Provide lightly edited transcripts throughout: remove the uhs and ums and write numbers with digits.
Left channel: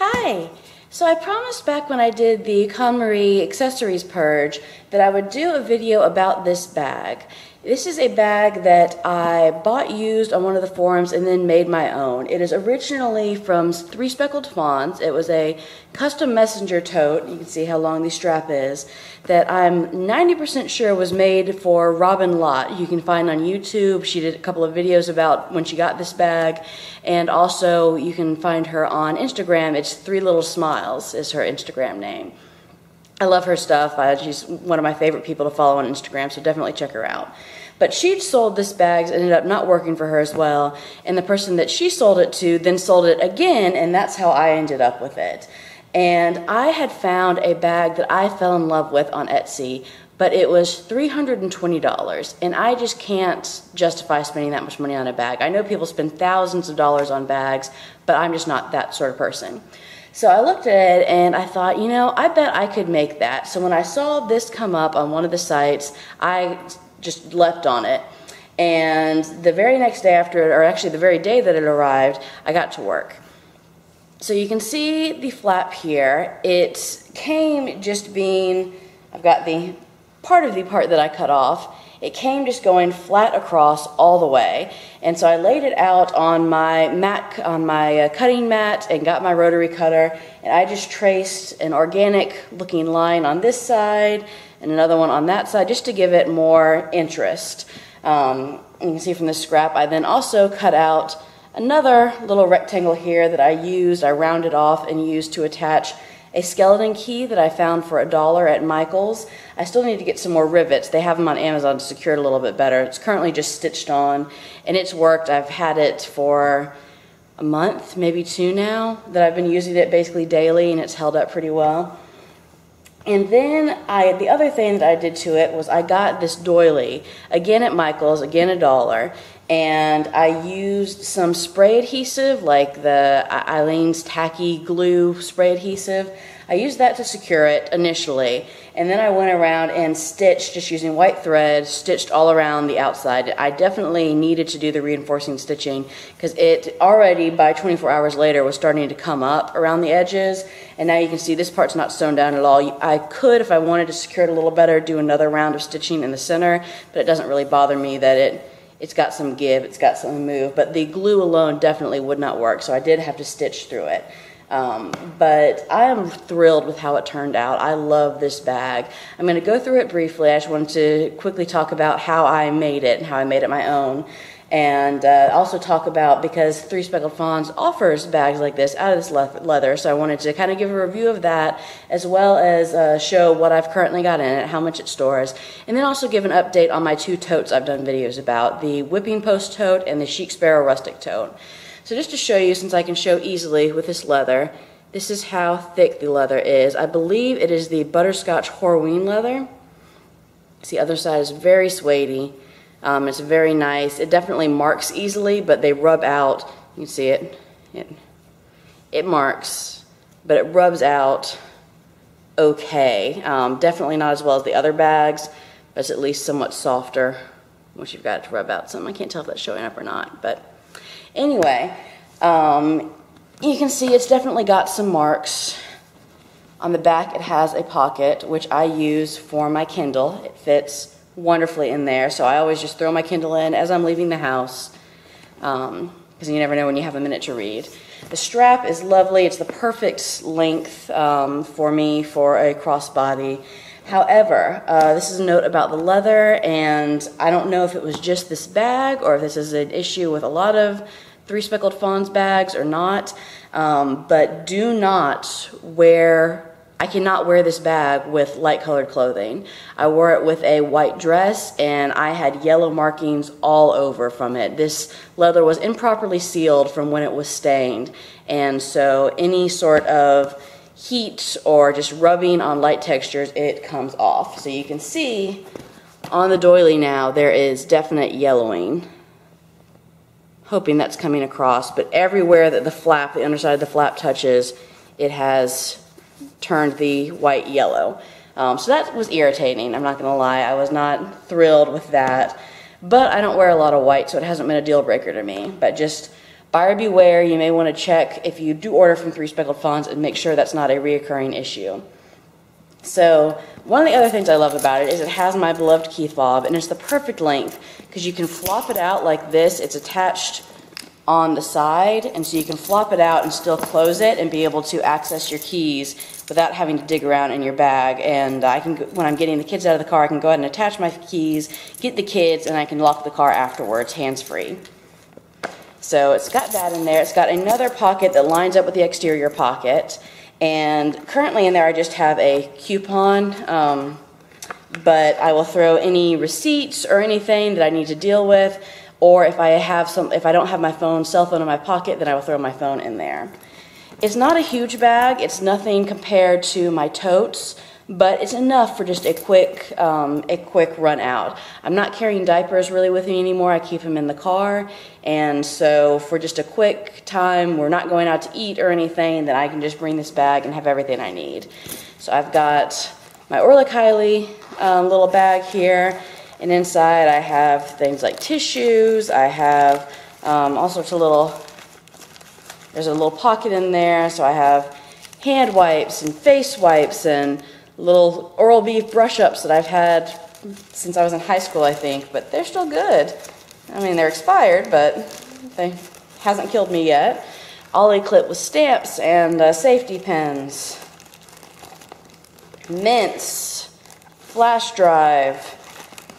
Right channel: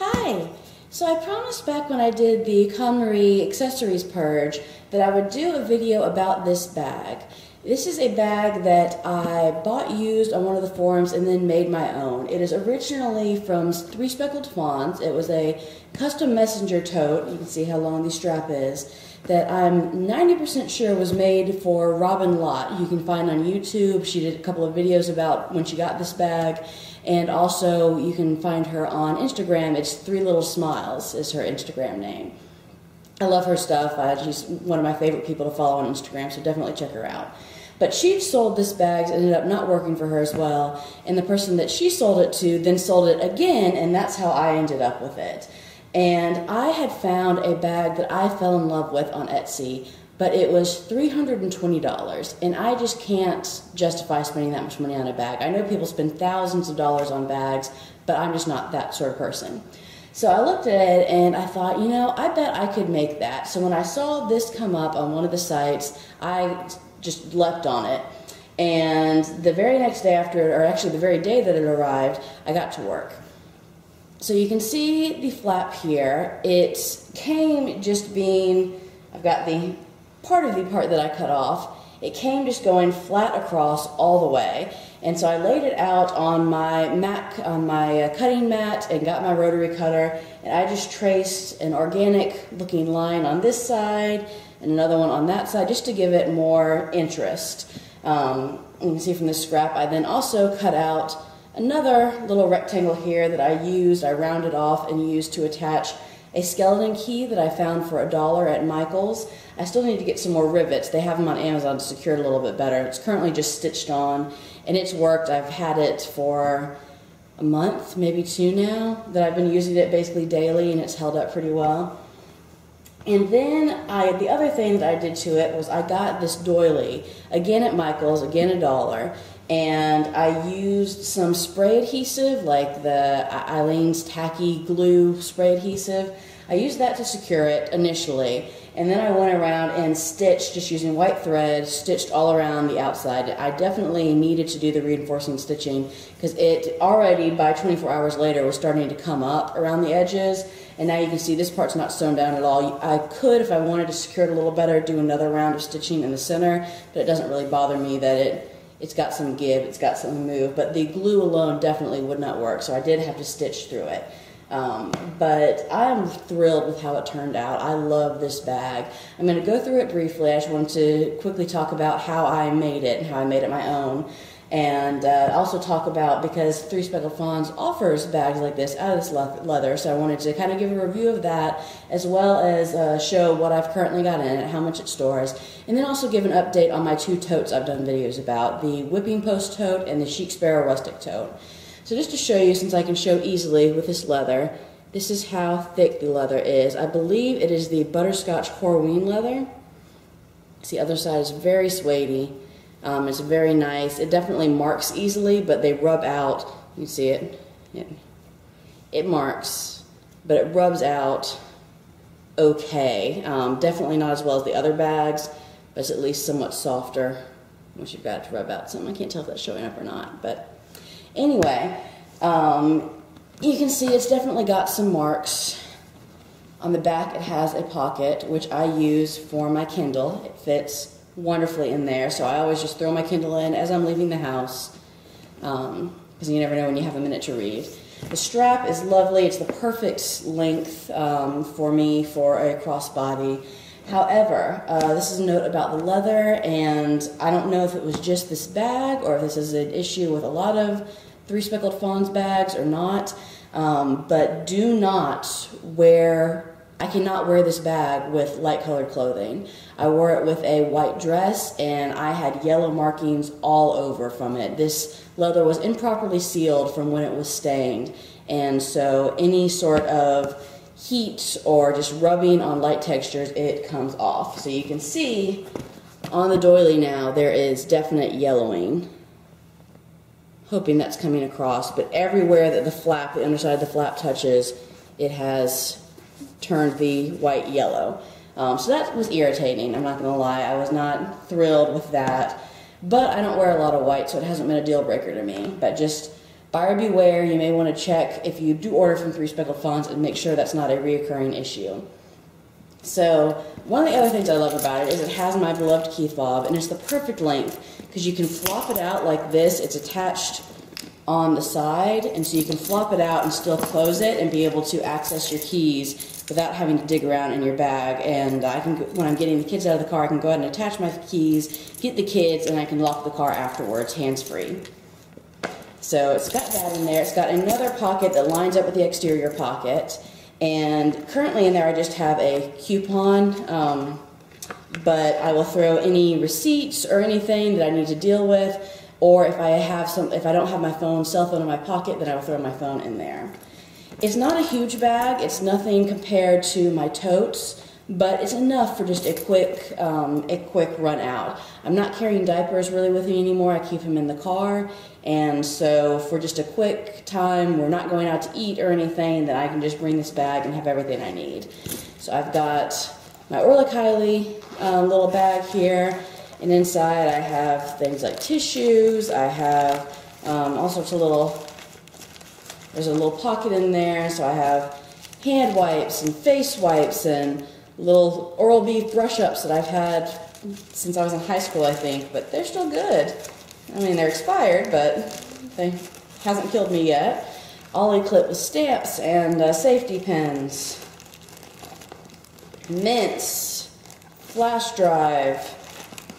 Hi! So I promised back when I did the KonMari accessories purge that I would do a video about this bag. This is a bag that I bought used on one of the forums and then made my own. It is originally from three Speckled Fawns. It was a custom messenger tote, you can see how long the strap is, that I'm 90% sure was made for Robin Lott. You can find on YouTube. She did a couple of videos about when she got this bag, and also you can find her on Instagram. It's Three Little Smiles is her Instagram name. I love her stuff. She's one of my favorite people to follow on Instagram, so definitely check her out. But she sold this bag, ended up not working for her as well, and the person that she sold it to then sold it again, and that's how I ended up with it. And I had found a bag that I fell in love with on Etsy, but it was $320, and I just can't justify spending that much money on a bag. I know people spend thousands of dollars on bags, but I'm just not that sort of person. So I looked at it and I thought, you know, I bet I could make that. So when I saw this come up on one of the sites, I just leapt on it. And the very next day after it, or actually the very day that it arrived, I got to work. So you can see the flap here. It came just being, I've got the part of the part that I cut off. It came just going flat across all the way. And so I laid it out on my mat, on my cutting mat, and got my rotary cutter, and I just traced an organic looking line on this side and another one on that side just to give it more interest. You can see from the scrap I then also cut out another little rectangle here that I rounded off and used to attach a skeleton key that I found for $1 at Michael's. I still need to get some more rivets. They have them on Amazon to secure it a little bit better. It's currently just stitched on, and it's worked. I've had it for a month, maybe two now, that I've been using it basically daily, and it's held up pretty well. And then the other thing that I did to it was I got this doily, again at Michael's, again $1, and I used some spray adhesive, like the Eileen's Tacky Glue spray adhesive. I used that to secure it initially, and then I went around and stitched, just using white thread, stitched all around the outside. I definitely needed to do the reinforcing stitching because it already, by 24 hours later, was starting to come up around the edges, and now you can see this part's not sewn down at all. I could, if I wanted to secure it a little better, do another round of stitching in the center, but it doesn't really bother me that it's got some give, it's got some move, but the glue alone definitely would not work, so I did have to stitch through it. But I am thrilled with how it turned out. I love this bag. I'm going to go through it briefly. I just wanted to quickly talk about how I made it and how I made it my own. And also talk about, because Three Speckled Fawns offers bags like this out of this leather, so I wanted to kind of give a review of that, as well as show what I've currently got in it, how much it stores, and then also give an update on my two totes I've done videos about, the Whipping Post tote and the ChicSparrow Rustic tote. So just to show you, since I can show easily with this leather, this is how thick the leather is. I believe it is the Butterscotch Horween leather. See, the other side is very suede-y. It's very nice. It definitely marks easily, but they rub out. You can see it. It marks, but it rubs out okay. Definitely not as well as the other bags, but it's at least somewhat softer once you've got it to rub out some. I can't tell if that's showing up or not, but anyway, you can see it's definitely got some marks. On the back it has a pocket, which I use for my Kindle. It fits wonderfully in there, so I always just throw my Kindle in as I'm leaving the house, because you never know when you have a minute to read. The strap is lovely. It's the perfect length for me for a crossbody. However, this is a note about the leather, and I don't know if it was just this bag or if this is an issue with a lot of Three Speckled Fawns bags or not, but do not wear, I cannot wear this bag with light colored clothing. I wore it with a white dress, and I had yellow markings all over from it. This leather was improperly sealed from when it was stained, and so any sort of heat or just rubbing on light textures, it comes off. So you can see on the doily now there is definite yellowing. Hoping that's coming across, but everywhere that the flap, the underside of the flap touches, it has turned the white yellow. So that was irritating, I'm not going to lie. I was not thrilled with that, but I don't wear a lot of white, so it hasn't been a deal breaker to me. But just buyer beware. You may want to check if you do order from 3 Speckled Fawns and make sure that's not a reoccurring issue. So one of the other things I love about it is it has my beloved Keith fob, and it's the perfect length because you can flop it out like this. It's attached on the side, and so you can flop it out and still close it and be able to access your keys without having to dig around in your bag. And I can, when I'm getting the kids out of the car, I can go ahead and attach my keys, get the kids, and I can lock the car afterwards, hands-free. So it's got that in there. It's got another pocket that lines up with the exterior pocket. And currently in there I just have a coupon, but I will throw any receipts or anything that I need to deal with, or if I don't have my cell phone in my pocket, then I will throw my phone in there. It's not a huge bag. It's nothing compared to my totes, but it's enough for just a quick run out. I'm not carrying diapers really with me anymore. I keep them in the car, and so for just a quick time, we're not going out to eat or anything, then I can just bring this bag and have everything I need. So I've got my Orla Kylie little bag here, and inside I have things like tissues. I have all sorts of there's a little pocket in there, so I have hand wipes and face wipes and little Oral-B brush-ups that I've had since I was in high school, I think, but they're still good. I mean, they're expired, but they hasn't killed me yet. Ollie clip with stamps and safety pins. Mints, flash drive,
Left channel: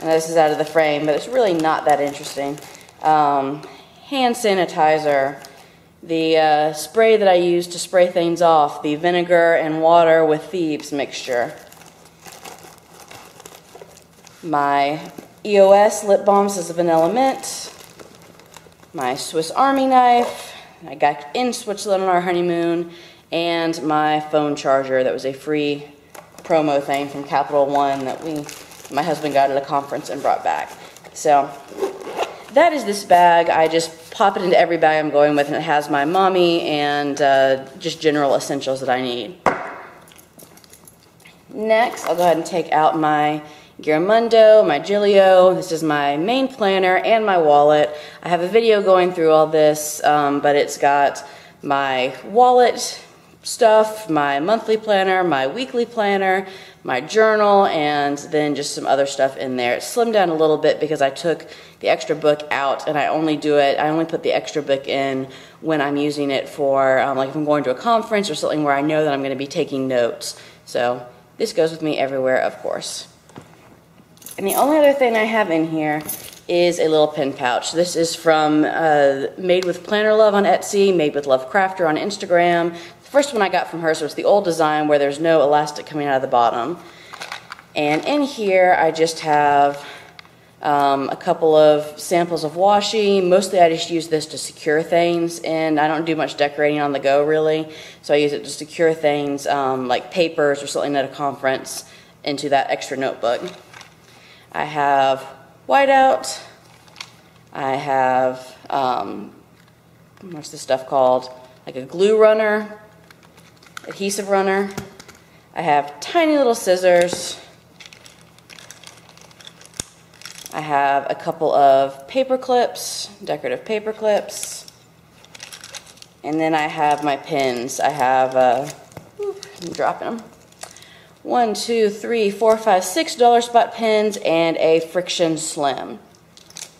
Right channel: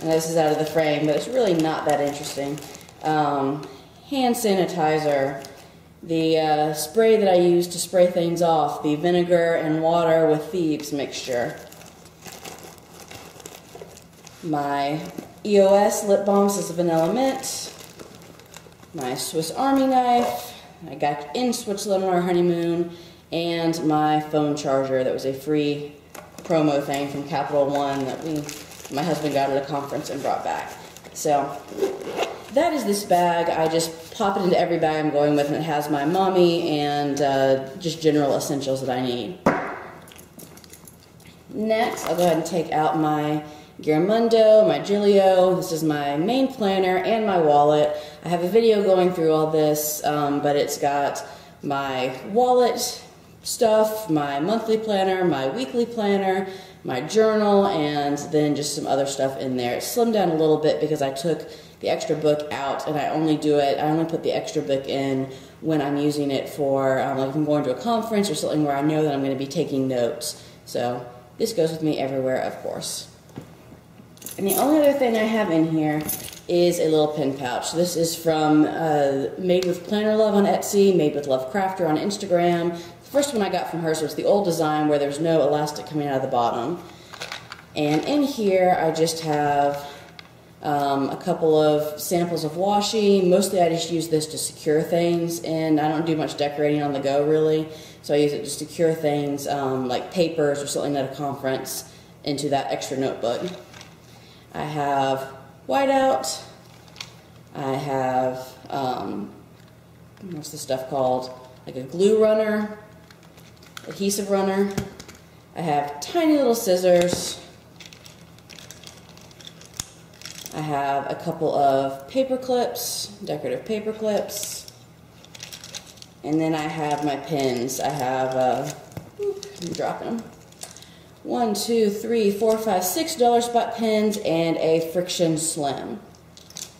and this is out of the frame, but it's really not that interesting. Hand sanitizer, the spray that I use to spray things off, the vinegar and water with thieves mixture. My EOS lip balm, this is a vanilla mint. My Swiss Army knife, I got in Switzerland on our honeymoon, and my phone charger that was a free promo thing from Capital One that my husband got at a conference and brought back. So that is this bag. I just pop it into every bag I'm going with, and it has my mommy and just general essentials that I need. Next, I'll go ahead and take out my Giramondo, my Gilio. This is my main planner and my wallet. I have a video going through all this, but it's got my wallet stuff, my monthly planner, my weekly planner, my journal, and then just some other stuff in there. It's slimmed down a little bit because I took the extra book out, and I only put the extra book in when I'm using it for, like if I'm going to a conference or something where I know that I'm going to be taking notes. So this goes with me everywhere, of course. And the only other thing I have in here is a little pin pouch. This is from Made with Planner Love on Etsy, Made with Love Crafter on Instagram. The first one I got from her, so it's the old design where there's no elastic coming out of the bottom. And in here I just have a couple of samples of washi. Mostly I just use this to secure things, and I don't do much decorating on the go really, so I use it to secure things like papers or something at a conference into that extra notebook. I have whiteout. I have, what's this stuff called? Like a glue runner, adhesive runner. I have tiny little scissors. I have a couple of paper clips, decorative paper clips. And then I have my pins. I have, I'm dropping them. 1, 2, 3, 4, 5, 6 dollar spot pins and a friction slim.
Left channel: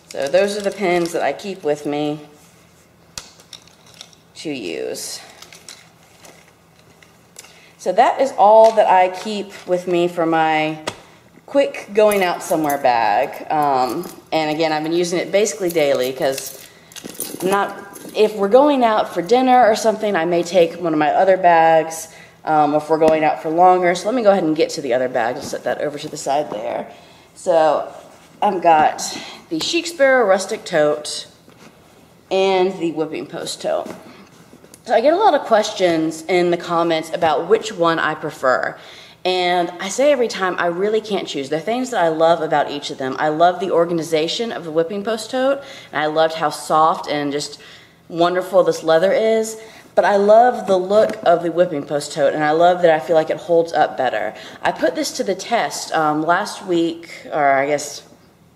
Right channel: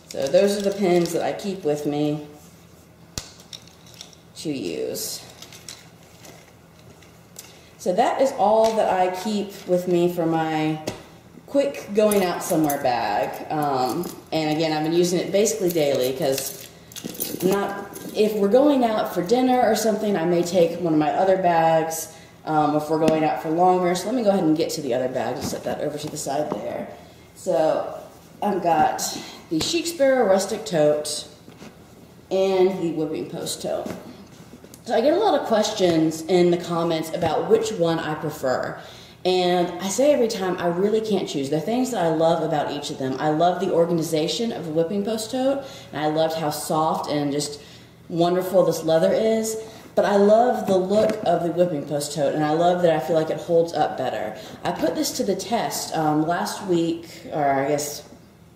So those are the pins that I keep with me to use. So that is all that I keep with me for my quick going out somewhere bag. And again, I've been using it basically daily because if we're going out for dinner or something, I may take one of my other bags. If we're going out for longer. So let me go ahead and get to the other bag. I'll set that over to the side there. So I've got the ChicSparrow Rustic Tote and the Whipping Post Tote. So I get a lot of questions in the comments about which one I prefer. And I say every time, I really can't choose. There are things that I love about each of them. I love the organization of the Whipping Post Tote, and I loved how soft and just wonderful this leather is. But I love the look of the Whipping Post Tote, and I love that I feel like it holds up better. I put this to the test last week, or I guess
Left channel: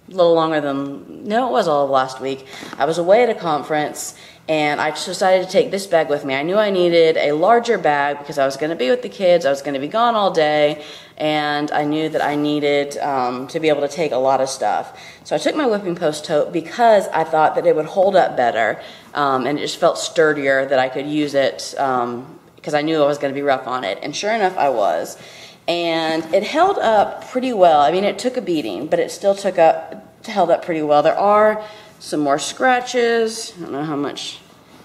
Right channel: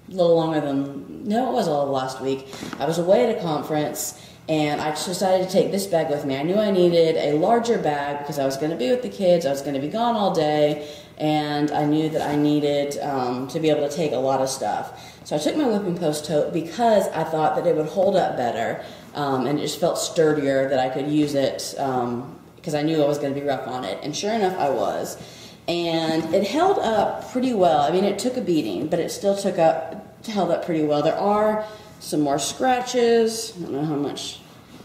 a little longer than, no, it was all of last week. I was away at a conference, and I just decided to take this bag with me. I knew I needed a larger bag because I was going to be with the kids, I was going to be gone all day, and I knew that I needed to be able to take a lot of stuff. So I took my whipping post tote because I thought that it would hold up better, and it just felt sturdier, that I could use it because I knew I was going to be rough on it. And sure enough, I was. And it held up pretty well. I mean, it took a beating, but it still held up pretty well. There are some more scratches. I don't know how much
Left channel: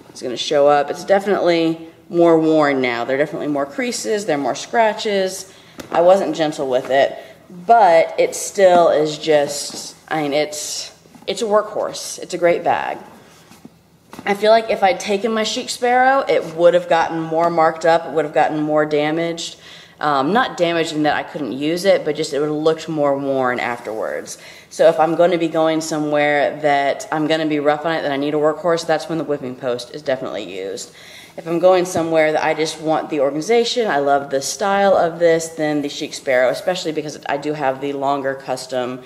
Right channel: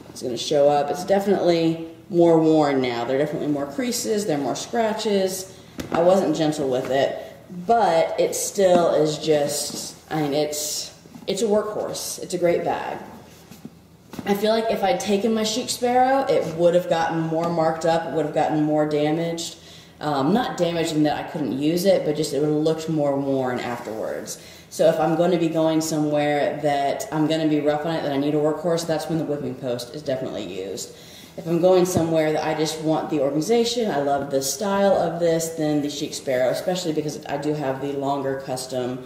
it's going to show up. It's definitely more worn now. There are definitely more creases. There are more scratches. I wasn't gentle with it, but it still is just, I mean, it's a workhorse. It's a great bag. I feel like if I'd taken my ChicSparrow, it would have gotten more marked up. It would have gotten more damaged. Not damaged in that I couldn't use it, but just it would have looked more worn afterwards. So if I'm going to be going somewhere that I'm going to be rough on it, that I need a workhorse, that's when the whipping post is definitely used. If I'm going somewhere that I just want the organization, I love the style of this, then the ChicSparrow, especially because I do have the longer custom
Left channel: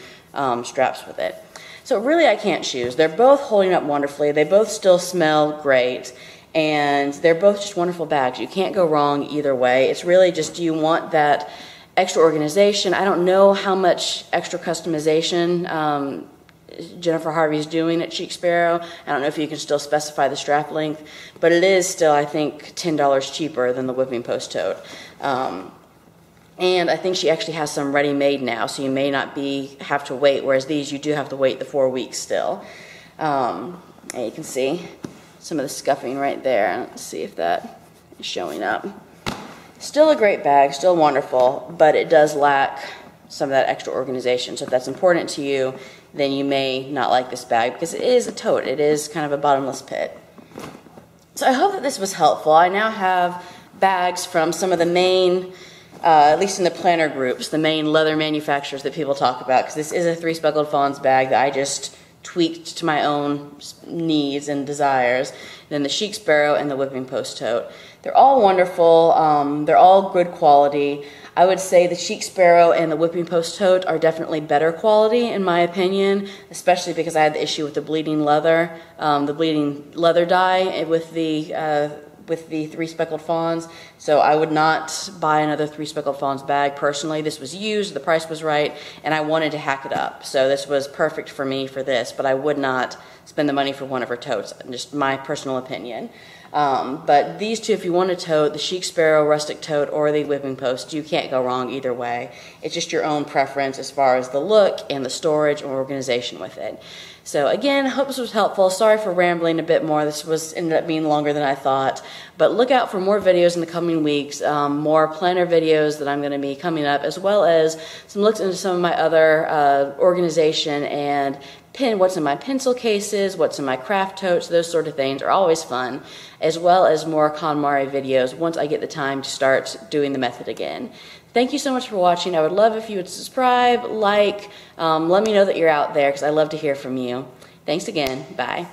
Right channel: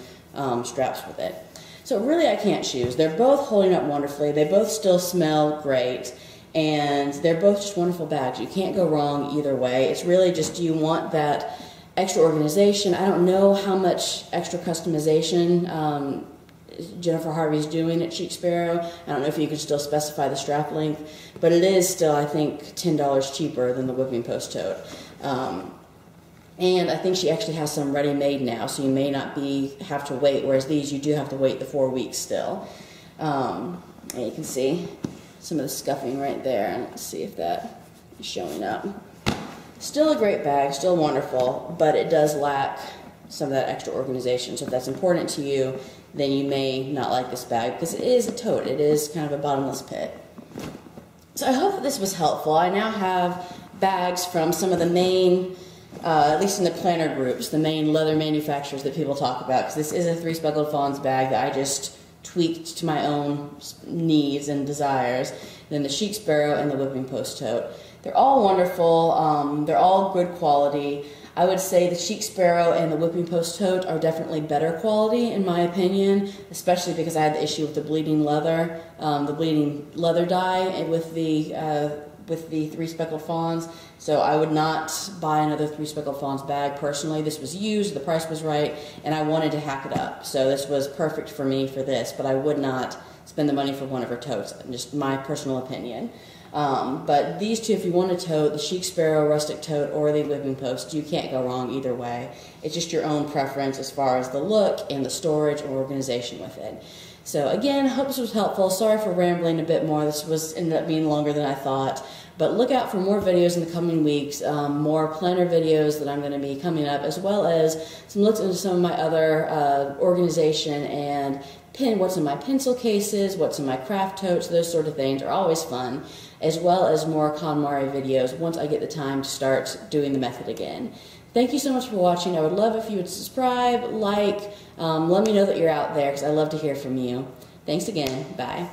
straps with it. So really I can't choose. They're both holding up wonderfully. They both still smell great. And they're both just wonderful bags. You can't go wrong either way. It's really just, do you want that extra organization? I don't know how much extra customization Jennifer Harvey's doing at ChicSparrow. I don't know if you can still specify the strap length, but it is still, I think, $10 cheaper than the whipping post tote. And I think she actually has some ready-made now, so you may not have to wait, whereas these you do have to wait the 4 weeks still. And you can see some of the scuffing right there. Let's see if that is showing up. Still a great bag, still wonderful, but it does lack some of that extra organization. So if that's important to you, then you may not like this bag because it is a tote. It is kind of a bottomless pit. So I hope that this was helpful. I now have bags from some of the main, at least in the planner groups, the main leather manufacturers that people talk about, because this is a 3 Speckled Fawns bag that I just tweaked to my own needs and desires. And then the ChicSparrow and the whipping post tote. They're all wonderful. They're all good quality. I would say the ChicSparrow and the whipping post tote are definitely better quality in my opinion, especially because I had the issue with the bleeding leather dye with the 3 Speckled Fawns. So I would not buy another 3 Speckled Fawns bag personally. This was used, the price was right, and I wanted to hack it up. So this was perfect for me for this, but I would not spend the money for one of her totes, just my personal opinion. But these two, if you want a tote, the ChicSparrow Rustic tote or the whipping post, you can't go wrong either way. It's just your own preference as far as the look and the storage or organization with it. So again, hope this was helpful. Sorry for rambling a bit more. This ended up being longer than I thought. But look out for more videos in the coming weeks, more planner videos that I'm going to be coming up, as well as some looks into some of my other organization and what's in my pencil cases, what's in my craft totes, those sort of things are always fun, as well as more KonMari videos once I get the time to start doing the method again. Thank you so much for watching. I would love if you would subscribe, like, let me know that you're out there because I love to hear from you. Thanks again. Bye.